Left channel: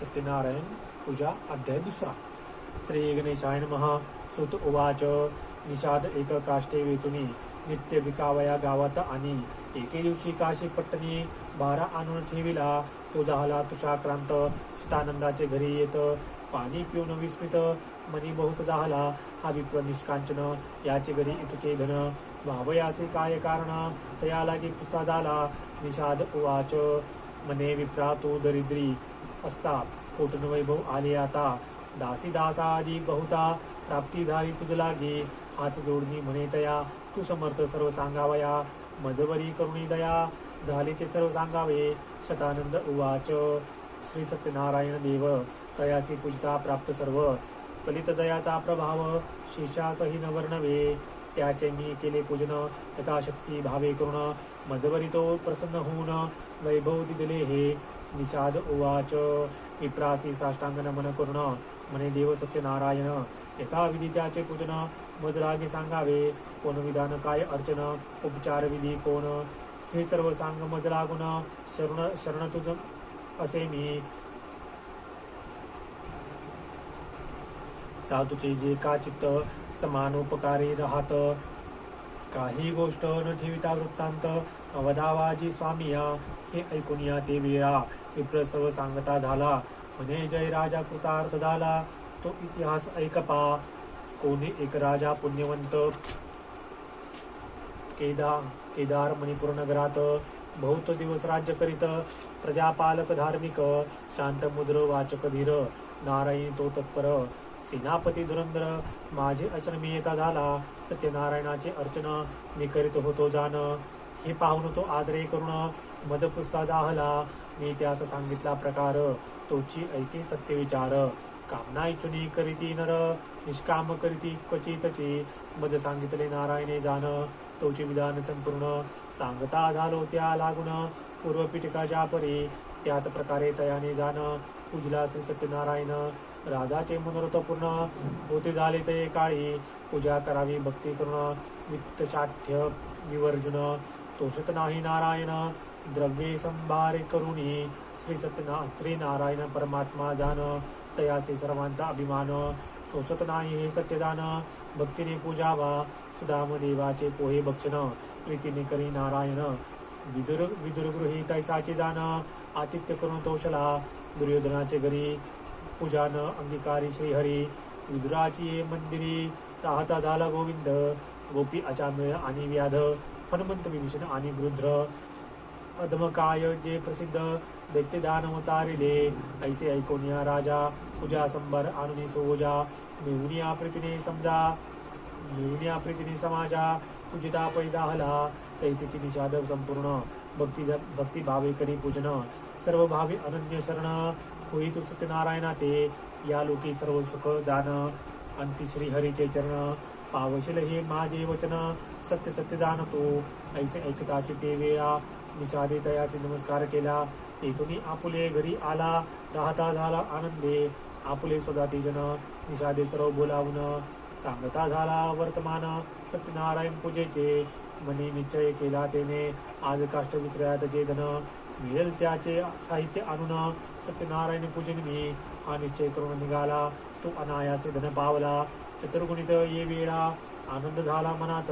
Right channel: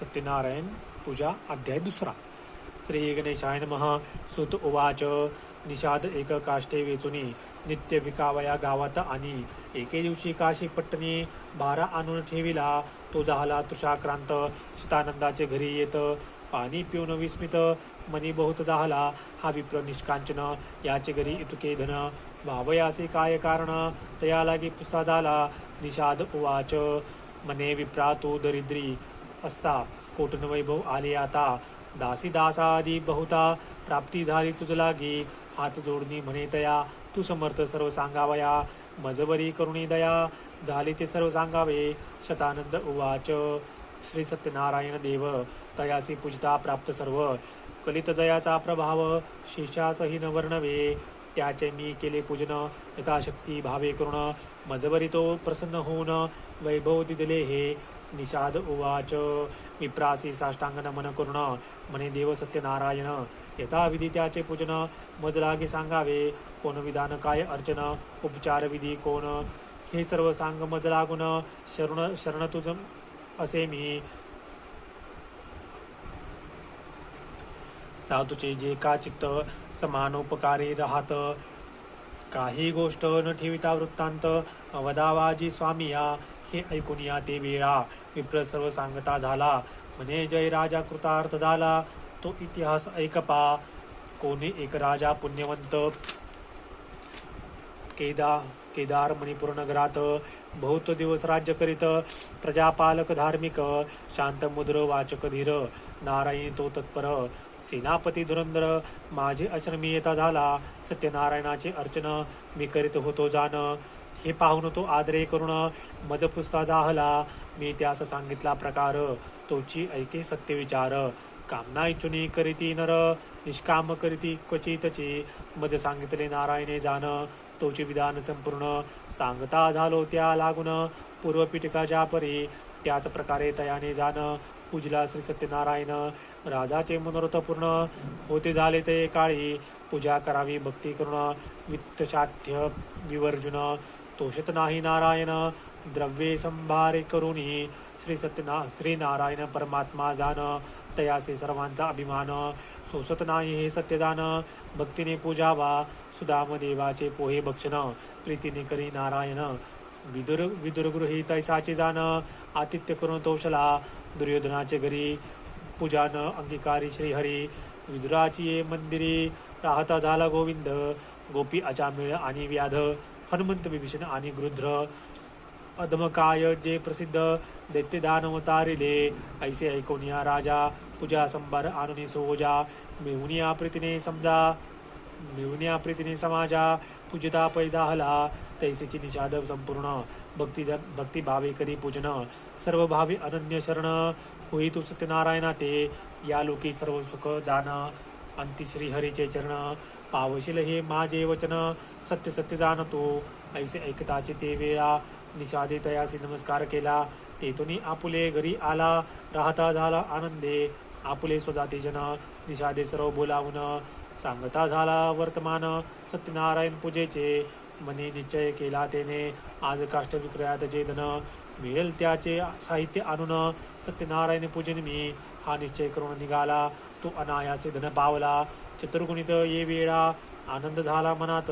सत्यनारायण पूजा अध्याय 2. श्री गणेशाय नमः. सुत उवाच. निषाद एक काष्टे वेचुनी नित्य विकावया गावात आणि एके दिवशी काशी पट्टणी 12 आणून ठेविला. तो झाला तुषाक्रांत चितानंदाचे घरी येत. पाणी पिऊन विस्मित मनी बहुत झाला. हा विप्र निष्कांचन याचे घरी इतुके धन. वावयासे काय कारण तया लागी पुस्ता झाला. निषाद उवाच. मने विप्रा तो दरिद्री असता कोटन वैभव आले आता. दासी दासादी बहुता प्राप्ती झाली तुझ लागी. हात जोडणी म्हणे तया तू समर्थ सर्व सांगावया. मजवरी करुणी दया झाली ते सर्व सांगावे. शतानंद उवाच. श्री सत्यनारायण देव तयासी पूजिता प्राप्त सर्व. कलित जयाचा प्रभाव शेषासही न वर्णवे. त्याचे मी केले पूजन यथाशक्ती भावे करुण. मजवरी तो प्रसन्न होऊन वैभव दिले हे. निषाद उवाच. विप्रासी साष्टांग नमन करुण म्हणे देव सत्यनारायण. यथाविधी त्याचे पूजन मज लागे सांगावे. कोण विधान काय अर्चन उपचार विधी कोण. हे सर्व सांग मज लागून शरण तुझ असे मी. साधूचे जे का चित्त समानोपकारी राहत. काही गोष्ट न ठेविता वृत्तांत अवधावाजी स्वामिया. हे ऐकून या ते वेळा विप्र सर्व सांगता झाला. म्हणे जय राजा कृतार्थ झाला. तो इतिहास ऐकपा. कोणी एक राजा पुण्यवंत केदार मणिपूर नगरात बहुत दिवस राज्य करीत. प्रजापालक धार्मिक शांत मुद्र वाचक धीर. नारायणी तो तत्पर सेनापती धुरंधर. माझे अचरमी येता झाला. सत्यनारायणाचे अर्चन मी करीत होतो जाण. हे पाहून तो आदरे करुण मज पुस्ता जाहला. मी त्यास सांगितला प्रकार तोची ऐके सत्य विचार. कामना इच्छुनी करीती नर निष्काम करीती क्वचितची. मज सांगितले नारायणे जाण तोचे विधान संपूर्ण. सांगता झालो त्या लागून पूर्वपीठिकाच्या परी. त्याच प्रकारे तयाने जाण पूजला श्री सत्यनारायण. राजाचे मनोरथ पूर्ण होते झाले ते काळी. पूजा करावी भक्ती करून वित्तशाठ्य विवर्जुन. तोषत नाही नारायण द्रव्ये संभारे करुणी. श्री नारायण परमात्मा जाण तयासे सर्वांचा अभिमान. सोसत नाही हे सत्यदान भक्तीने पूजावा. सुदाम देवाचे पोहे भक्षण प्रीतीने करी नारायण. विदुरगृही तैसाचे जाण आतिथ्य करून तोषला. दुर्योधनाचे घरी पूजान अंगीकारी श्रीहरी. विदुराची ये मंदिरी राहता झाला गोविंद. गोपी अचामेळ आणि व्याध हनुमंत विभीषण आणि गृध्र. अधमकाय जे प्रसिद्ध दैत्य दानव तारिले. ऐसे ऐकून या राजा पूजा संभार आणून सोजा. मिळवून प्रीतीने समाजा पूजिता पैदाहला. तैसीची निषाद संपूर्ण भक्ती भावे करी पूजन. सर्व भावी अनन्य शरण होई तू सत्यनारायणा ते. या लोकी सर्व सुख जाण अंती श्री हरीचे चरण. पावशील हे माझे वचन सत्य सत्य जाणतो. ऐसे ऐकताचे ते वेळा निषादे तयासी नमस्कार केला. तेथुनी आपुले घरी आला राहता झाला आनंदे. आपुले स्वजाती जन निषादे सर्व बोलावून. सांगता झाला वर्तमान सत्यनारायण पूजेचे. मनी निश्चय केला तेने आज काष्ट विक्रयात जे धन मिळेल त्याचे साहित्य आणून सत्यनारायण पूजन मी. हा निश्चय करून निघाला तो अनायासे धन पावला. चतुर्गुणित ये वेळा आनंद झाला मनात.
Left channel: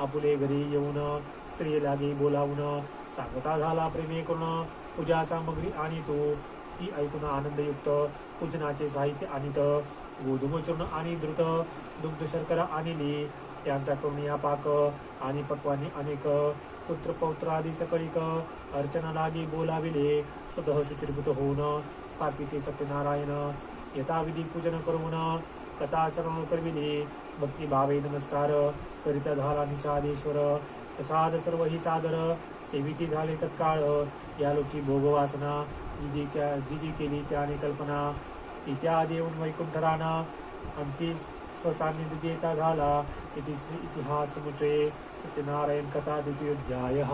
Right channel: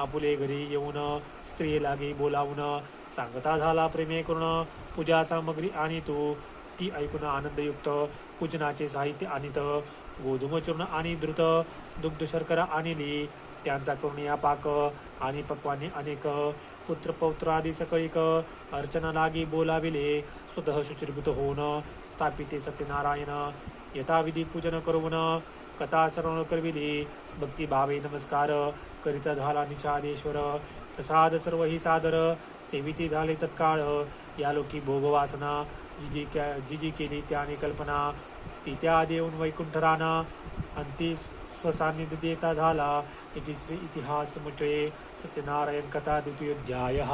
आपुले घरी येऊन स्त्री लागे बोलावून. सांगता झाला प्रेमे करून पूजा सामग्री आणि तो. ती ऐकून आनंदयुक्त पूजनाचे साहित्य आणित. गोधूम चूर्ण आणि द्रुत दुग्ध शर्करा आणली. त्यांचा करून या पाक आणि पक्वाने अनेक. पुत्र पौत्र आदी सकळीक अर्चना लागी बोलाविले. स्वतः शुचिर्भूत होऊन स्थापिते सत्यनारायण. यथाविधी पूजन करून कथा श्रवण करविले. भक्ती भावे नमस्कार करिता झाला निषादेश्वर. प्रसाद सर्व ही सादर सेविती झाले तत्काळ. या लोकी भोगवासना जी केली त्याने कल्पना. ती त्या देऊन वैकुंठ राणा अंती स्वसान्निध्य देता झाला. इति श्री इतिहास मुचे सत्यनारायण कथा 2. अध्यायः.